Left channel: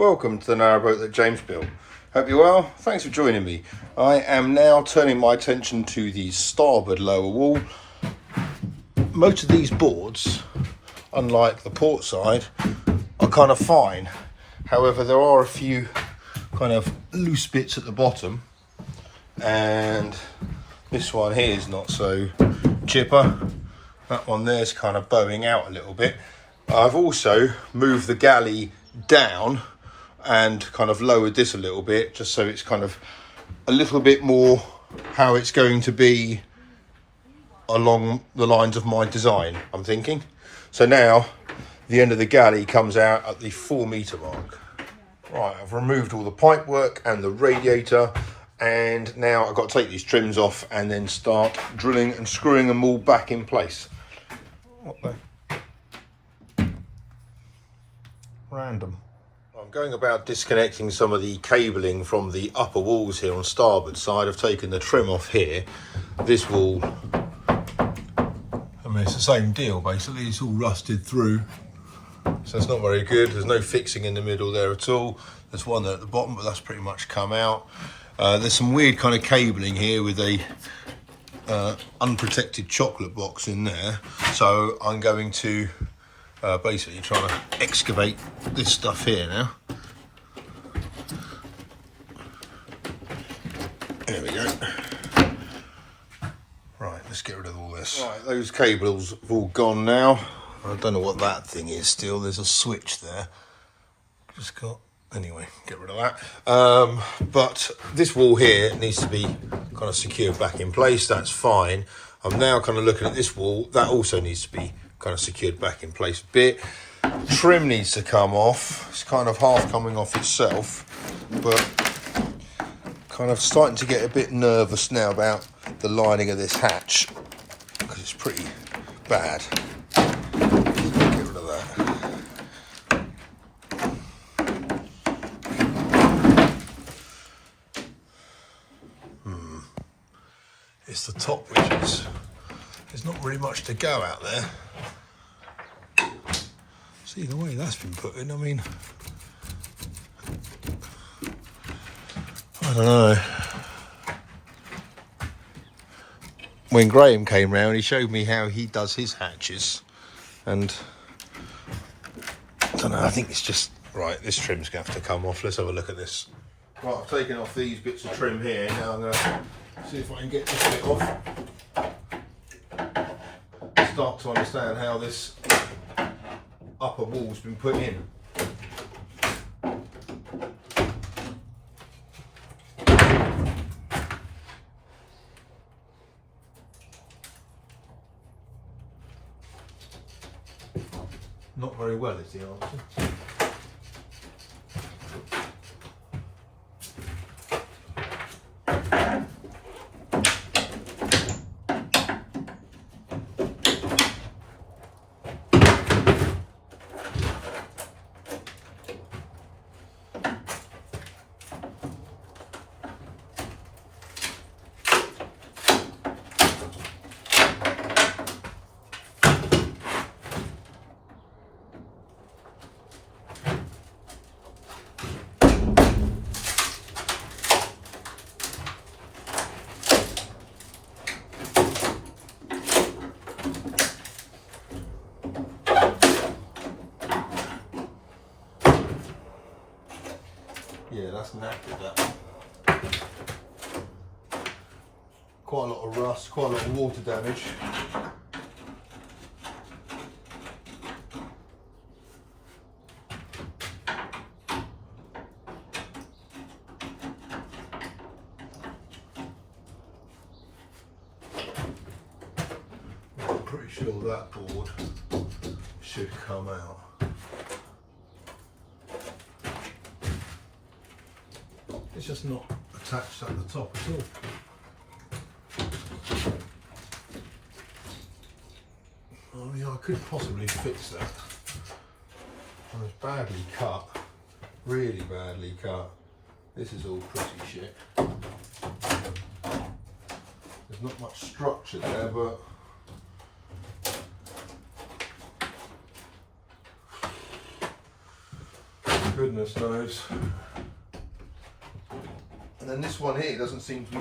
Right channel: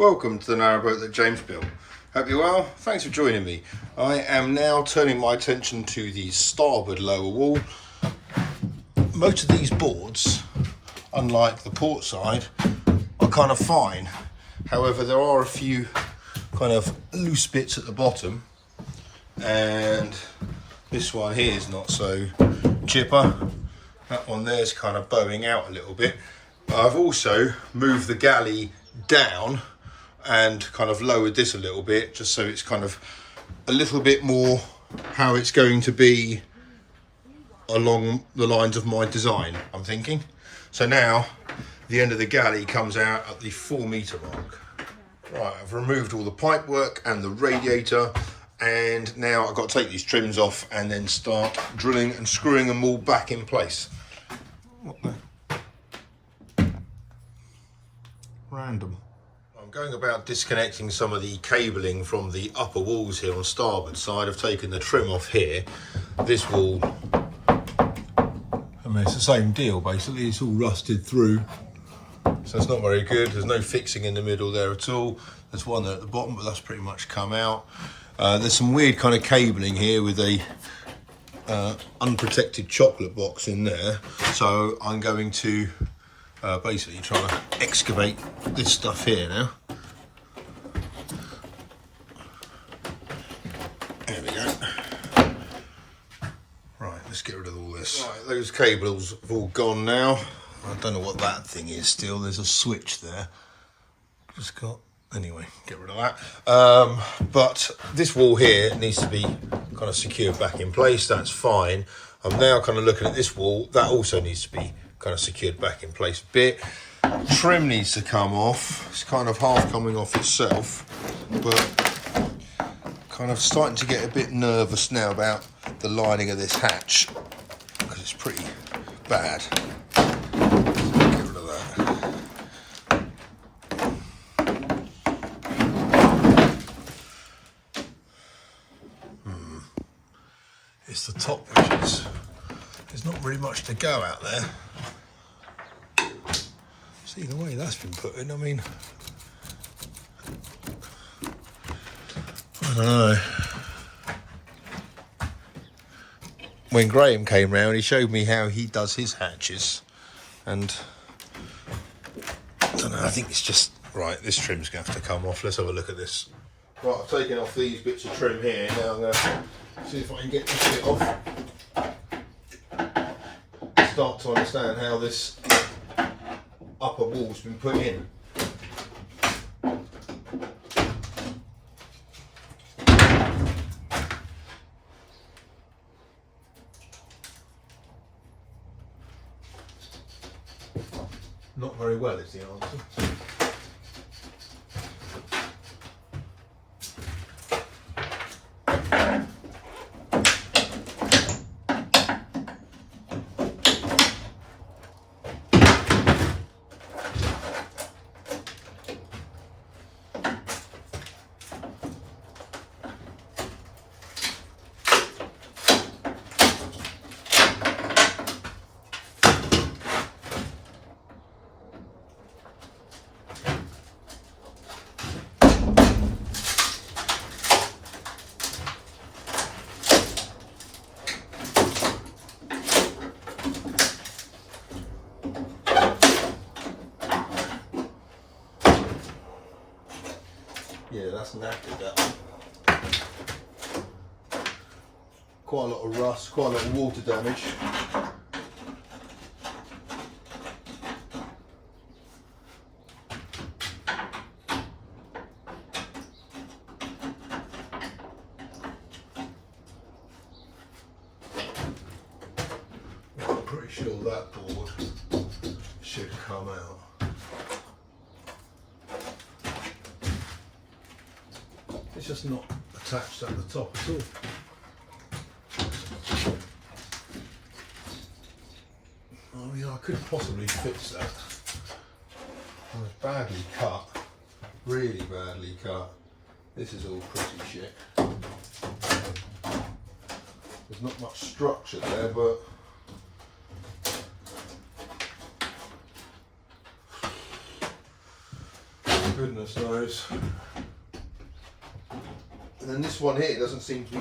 Welcome to the narrowboat that James built. Hope you're well. Thanks for joining me. I am now turning my attention to the starboard lower wall. Most of these boards, unlike the port side, are kind of fine. However, there are a few kind of loose bits at the bottom, and this one here is not so chipper. That one there's kind of bowing out a little bit. I've also moved the galley down and kind of lowered this a little bit, just so it's kind of a little bit more how it's going to be along the lines of my design, I'm thinking. So now the end of the galley comes out at the 4 metre mark. Right, I've removed all the pipe work and the radiator, and now I've got to take these trims off and then start drilling and screwing them all back in place. What the? Random. I'm going about disconnecting some of the cabling from the upper walls here on starboard side. I've taken the trim off here. This wall, I mean, it's the same deal basically. It's all rusted through, so it's not very good. There's no fixing in the middle there at all. There's one there at the bottom, but that's pretty much come out. There's some weird kind of cabling here with a unprotected chocolate box in there. So I'm going to basically try to excavate this stuff here now. There we go. Right, let's get rid of all this. Right, those cables have all gone now. I don't know what that thing is still. There's a switch there. Just got, anyway, get rid of that. But this wall here needs to be kind of secured back in place. That's fine. I'm now kind of looking at this wall. That also needs to be kind of secured back in place a bit. Trim needs to come off. It's kind of half coming off itself, but kind of starting to get a bit nervous now about the lining of this hatch, because it's pretty bad. Get rid of that. It's the top ridges. There's not really much to go out there. See the way that's been put in, I mean, I don't know. When Graham came round, he showed me how he does his hatches, and I don't know, I think it's just, right, this trim's going to have to come off. Let's have a look at this. Right, I've taken off these bits of trim here. Now I'm going to see if I can get this bit off. Start to understand how this upper wall's been put in. Not very well is the answer. Yeah, that's knackered, that. Quite a lot of rust, quite a lot of water damage. I'm pretty sure that board should come out. It's just not attached at the top at all. I mean, I could possibly fix that. It was badly cut, really badly cut. This is all pretty shit. There's not much structure there, but goodness knows. And then this one here doesn't seem to be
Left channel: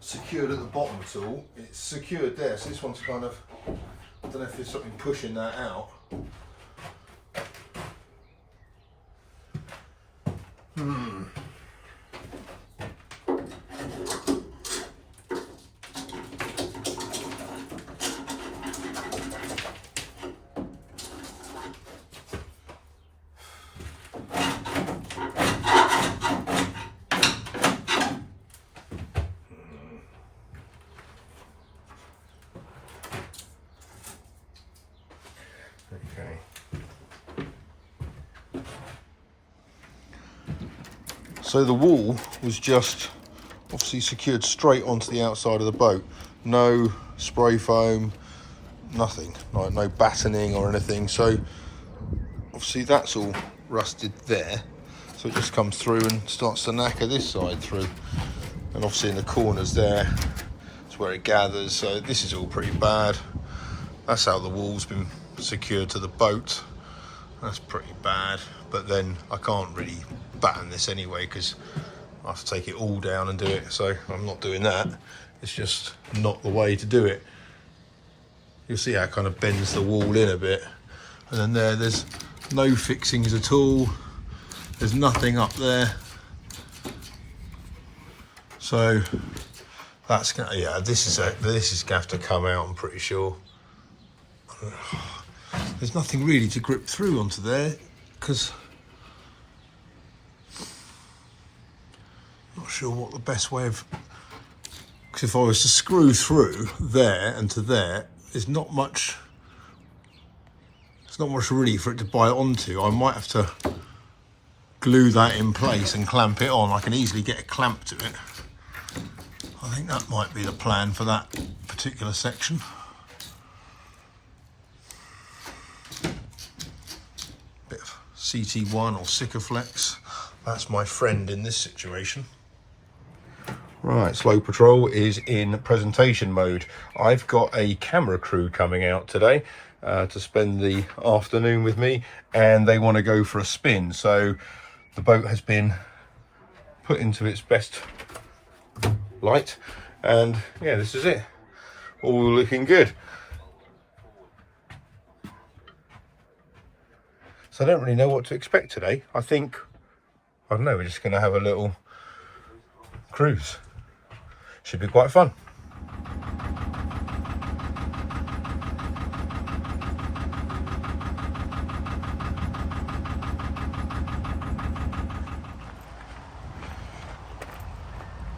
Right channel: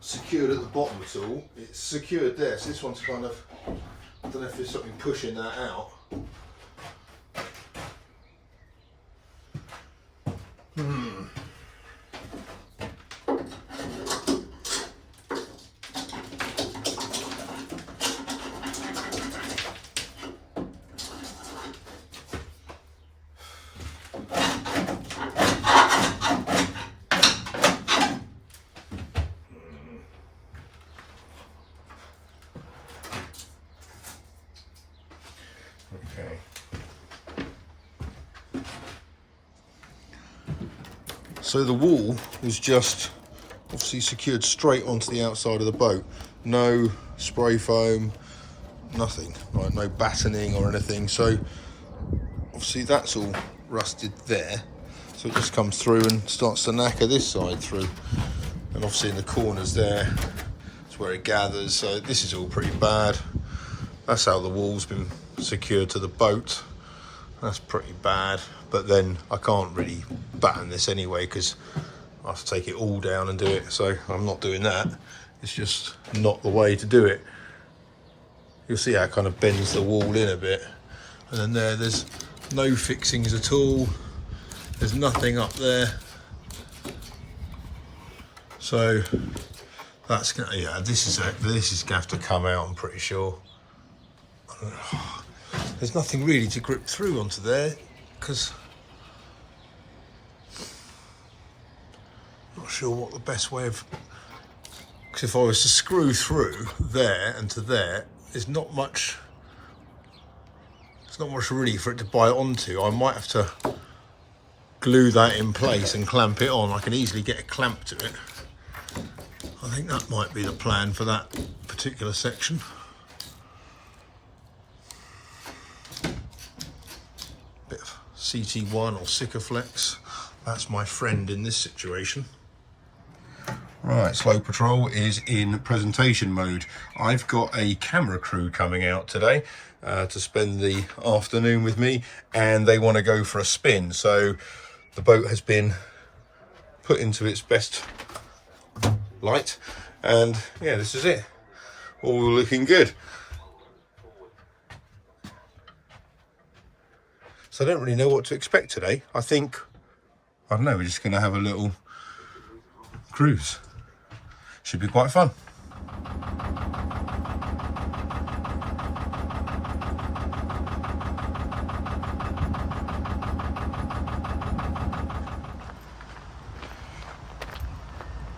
secured at the bottom at all. It's secured there, so this one's kind of, I don't know if there's something pushing that out. So the wall was just obviously secured straight onto the outside of the boat. No spray foam, nothing, like no battening or anything. So obviously that's all rusted there. So it just comes through and starts to knacker this side through. And obviously in the corners there, it's where it gathers. So this is all pretty bad. That's how the wall's been secured to the boat. That's pretty bad, but then I can't really batten this anyway because I have to take it all down and do it, so I'm not doing that. It's just not the way to do it. You'll see how it kind of bends the wall in a bit. And then there's no fixings at all. There's nothing up there. So that's gonna, yeah, this is gonna have to come out, I'm pretty sure. There's nothing really to grip through onto there because I'm not sure what the best way of, because if I was to screw through there and to there, there's not much really for it to bite onto. I might have to glue that in place and clamp it on. I can easily get a clamp to it. I think that might be the plan for that particular section. Bit of CT1 or Sikaflex. That's my friend in this situation. Right, Sloe Patrol is in presentation mode. I've got a camera crew coming out today to spend the afternoon with me, and they want to go for a spin. So the boat has been put into its best light, and yeah, this is it. All looking good. So I don't really know what to expect today. I don't know, we're just going to have a little cruise. Should be quite fun.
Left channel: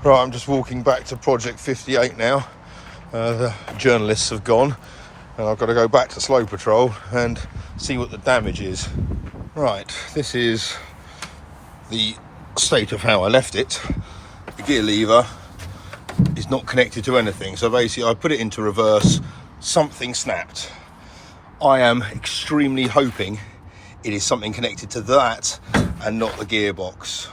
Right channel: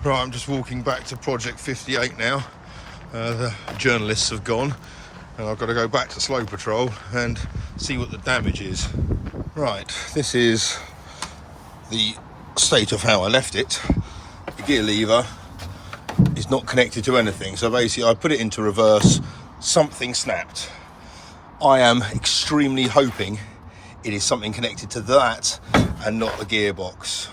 Right, I'm just walking back to Project 58 now. The journalists have gone, and I've got to go back to Sloe Patrol and see what the damage is. Right, this is the state of how I left it. The gear lever is not connected to anything, so basically I put it into reverse, something snapped. I am extremely hoping it is something connected to that and not the gearbox.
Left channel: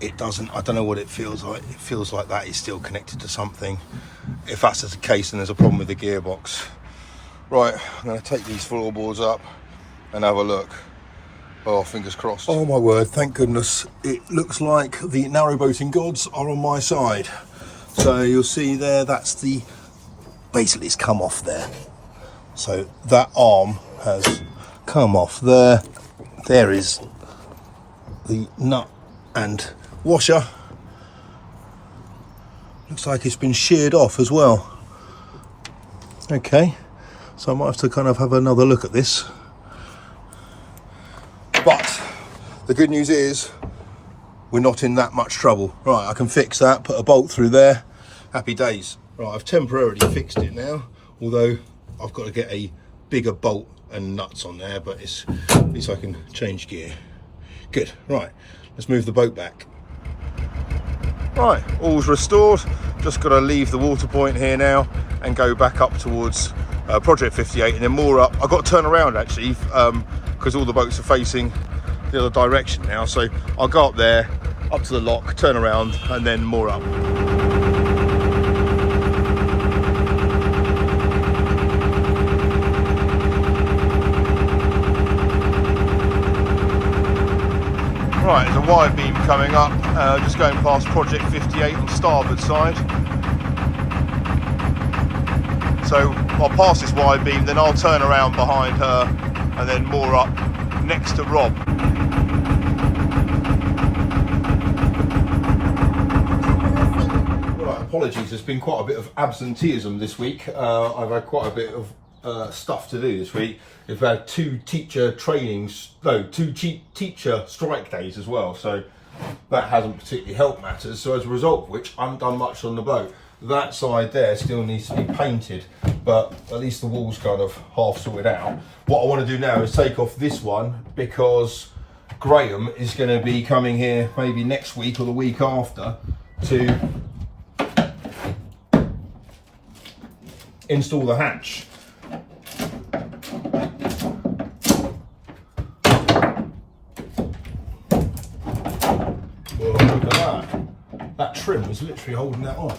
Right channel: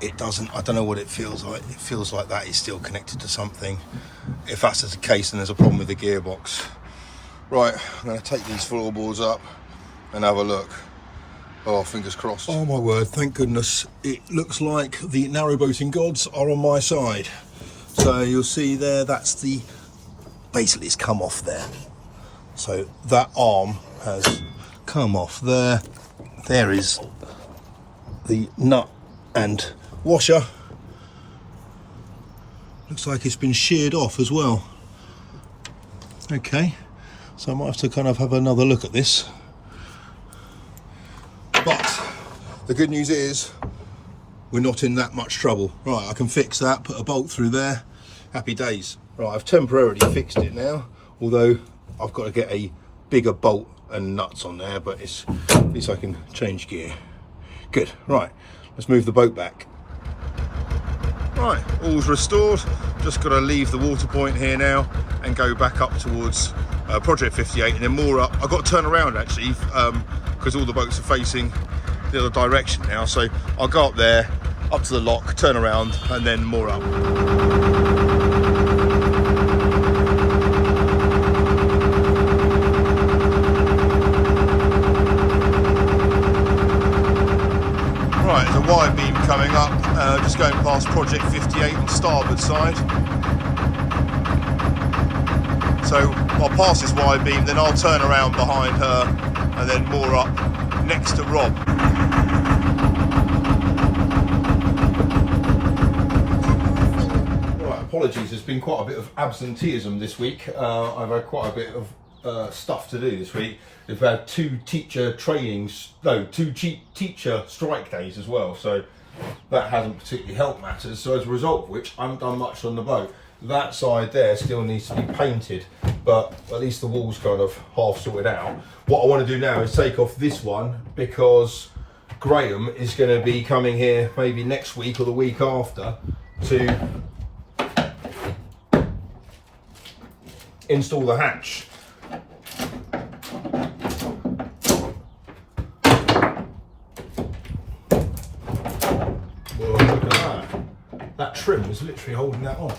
It doesn't, I don't know what it feels like. It feels like that is still connected to something. If that's the case, then there's a problem with the gearbox. Right, I'm going to take these floorboards up and have a look. Oh, fingers crossed. Oh my word, thank goodness. It looks like the narrowboating gods are on my side. So you'll see there, that's the, basically it's come off there. So that arm has come off there. There is the nut and washer. Looks like it's been sheared off as well. Okay, so I might have to kind of have another look at this. But the good news is we're not in that much trouble. Right, I can fix that, put a bolt through there, happy days. Right, I've temporarily fixed it now, although I've got to get a bigger bolt and nuts on there, but at least I can change gear. Good, right, let's move the boat back. Right, all's restored. Just got to leave the water point here now and go back up towards Project 58 and then more up. I've got to turn around actually because all the boats are facing the other direction now. So I'll go up there, up to the lock, turn around and then more up. Right, there's a wide beam coming up, just going past Project 58 on starboard side. So I'll pass this wide beam, then I'll turn around behind her and then moor up next to Rob. Right, apologies, there's been quite a bit of absenteeism this week. I've had quite a bit of stuff to do this week. We've had two teacher strike days as well, so that hasn't particularly helped matters. So as a result of which, I haven't done much on the boat. That side there still needs to be painted, but at least the wall's kind of half sorted out. What I want to do now is take off this one, because Graham is going to be coming here maybe next week or the week after to install the hatch. Well, look at that. That trim was literally holding that on.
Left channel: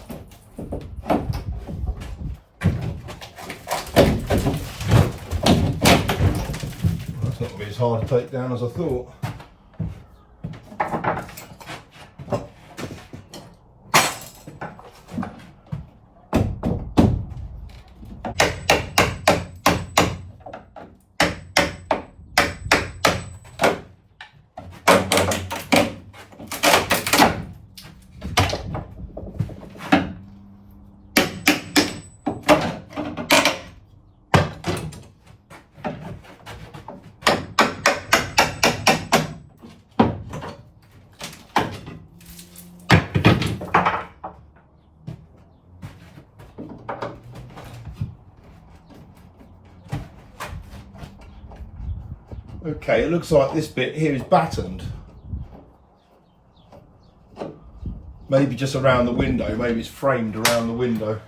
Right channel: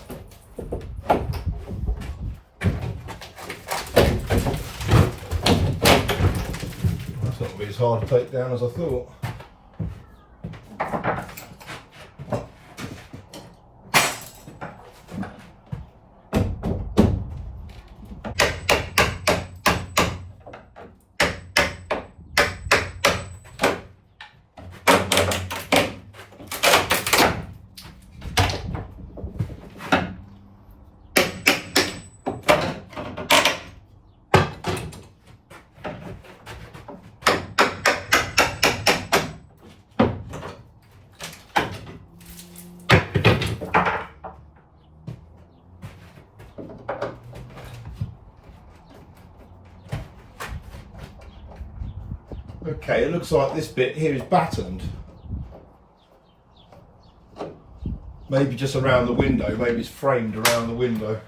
That's not going to be as hard to take down as I thought. Okay, it looks like this bit here is battened. Maybe just around the window, maybe it's framed around the window.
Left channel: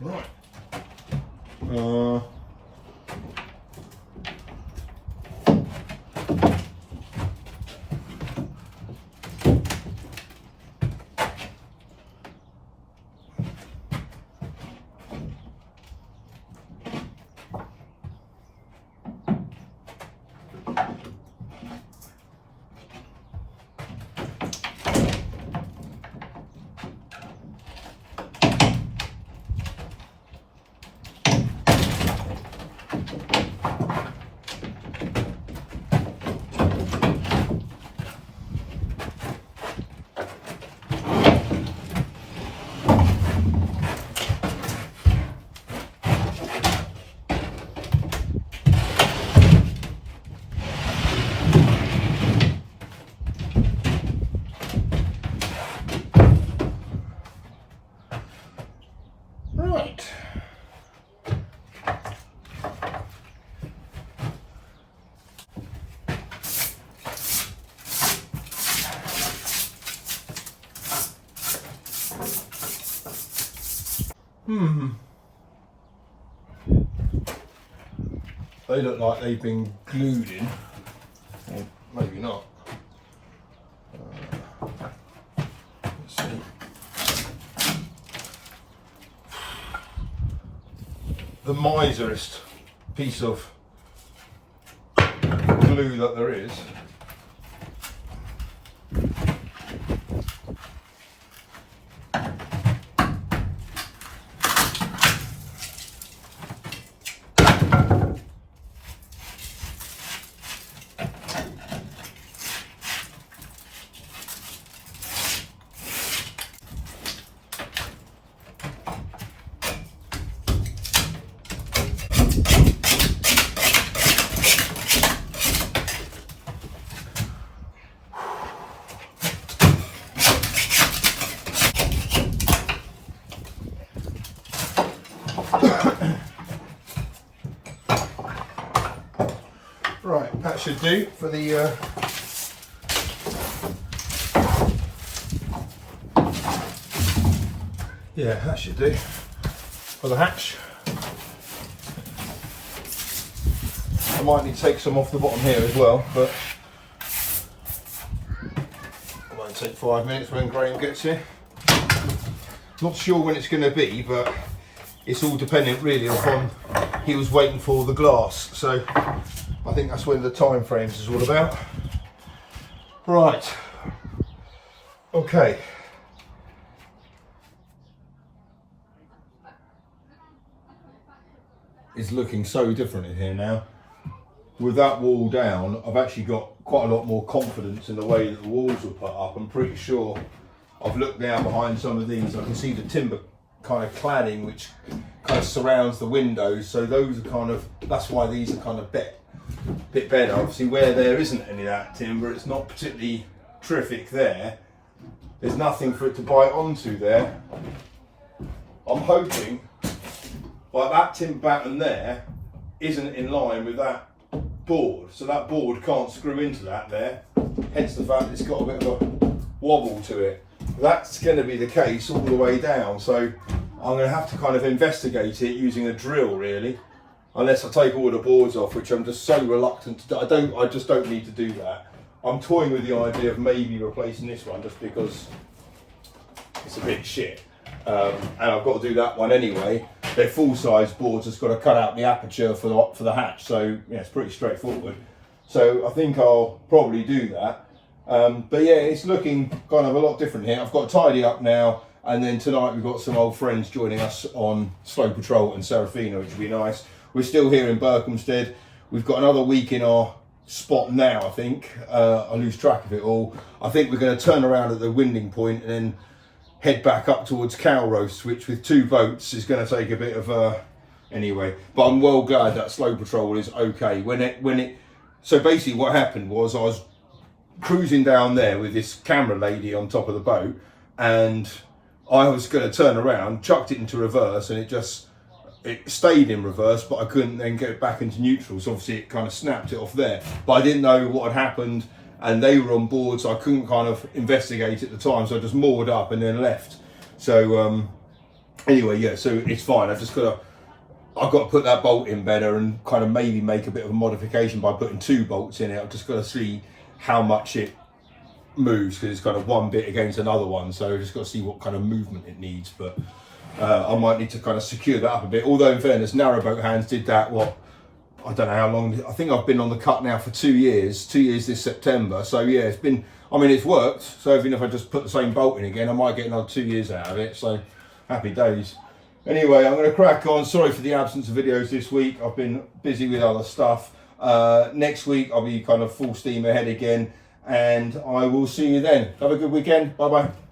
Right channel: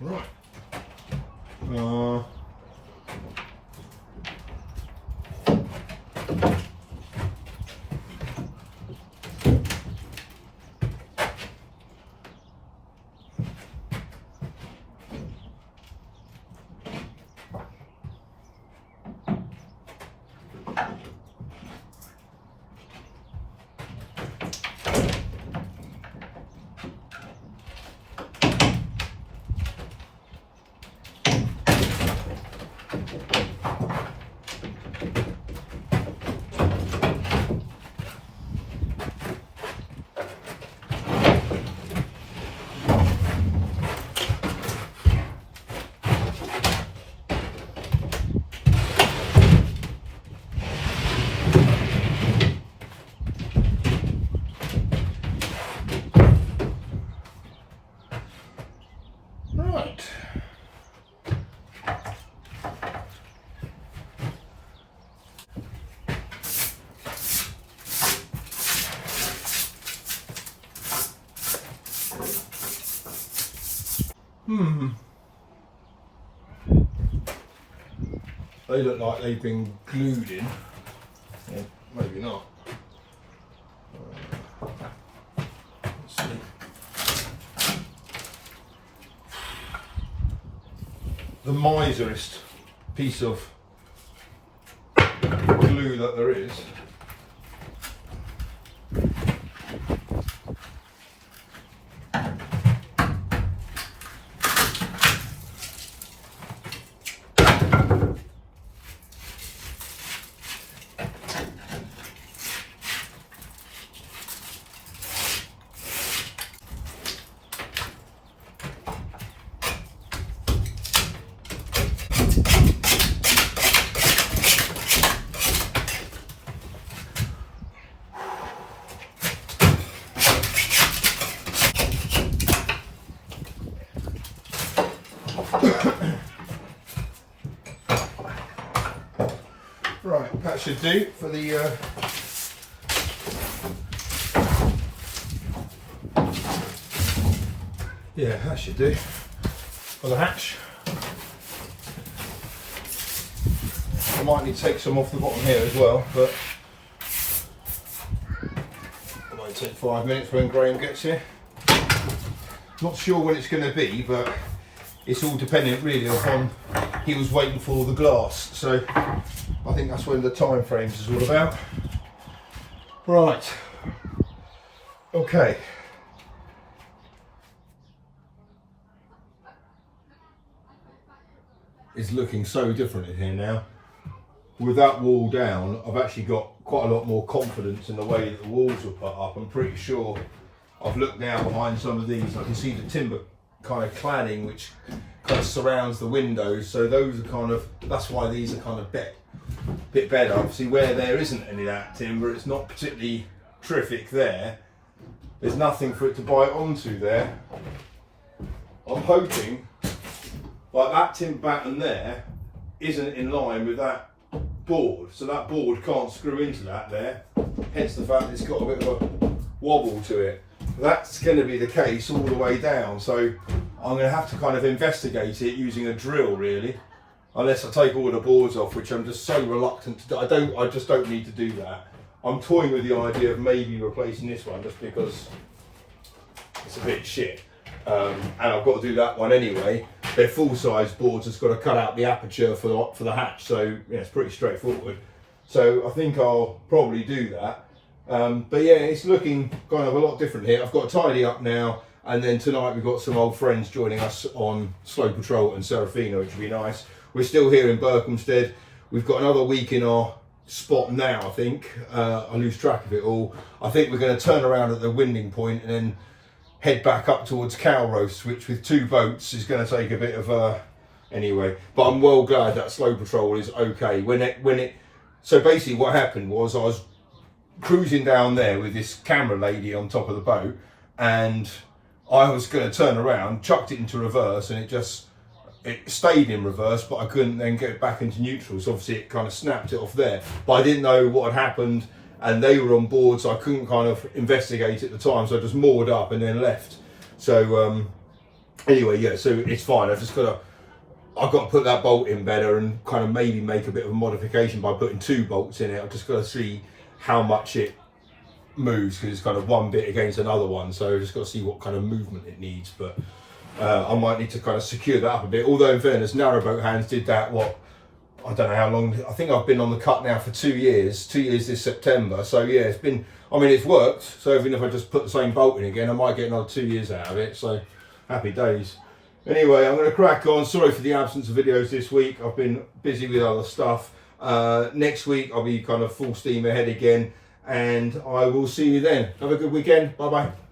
Right. They look like they've been glued in, or maybe not. Let's see. The miserest piece of glue that there is. Right, that should do for the yeah, that should do for the hatch. I might need to take some off the bottom here as well, but I might take 5 minutes when Graham gets here. Not sure when it's going to be, but it's all dependent really upon he was waiting for the glass. So I think that's when the time frames is all about. Right. Okay. It's looking so different in here now. With that wall down, I've actually got quite a lot more confidence in the way that the walls were put up. I'm pretty sure I've looked now behind some of these, I can see the timber kind of cladding which kind of surrounds the windows, so those are kind of, that's why these are kind of bit better. Obviously where there isn't any of that timber, it's not particularly terrific there. There's nothing for it to bite onto there. I'm hoping like that timber batten there isn't in line with that board, so that board can't screw into that there, hence the fact it's got a bit of a wobble to it. That's going to be the case all the way down, so I'm going to have to kind of investigate it using a drill really, unless I take all the boards off, which I'm just so reluctant to do. I just don't need to do that. I'm toying with the idea of maybe replacing this one just because it's a bit shit, and I've got to do that one anyway. They're full-size boards, just got to cut out the aperture for the hatch, so yeah, it's pretty straightforward. So I think I'll probably do that. But yeah, it's looking kind of a lot different here. I've got to tidy up now, and then tonight we've got some old friends joining us on Sloe Patrol and Serafina, which will be nice. We're still here in Berkhamsted. We've got another week in our spot now, I think. I lose track of it all. I think we're going to turn around at the winding point and then head back up towards Calrose, which with 2 boats is going to take a bit of anyway. But I'm well glad that Sloe Patrol is okay. So basically what happened was I was cruising down there with this camera lady on top of the boat, and I was going to turn around, chucked it into reverse, and it stayed in reverse, but I couldn't then get it back into neutral, so obviously it kind of snapped it off there. But I didn't know what had happened, and they were on board, so I couldn't kind of investigate at the time, so I just moored up and then left. So anyway, yeah, so it's fine. I've got to put that bolt in better and kind of maybe make a bit of a modification by putting 2 bolts in it. I've just got to see how much it moves, because it's kind of one bit against another one, so I've just got to see what kind of movement it needs. But I might need to kind of secure that up a bit, although in fairness, narrowboat hands did that, I don't know how long, I think I've been on the cut now for 2 years this September, so yeah, it's worked. So even if I just put the same bolt in again, I might get another 2 years out of it, so happy days. Anyway, I'm going to crack on. Sorry for the absence of videos this week, I've been busy with other stuff. Next week I'll be kind of full steam ahead again, and I will see you then. Have a good weekend. Bye bye.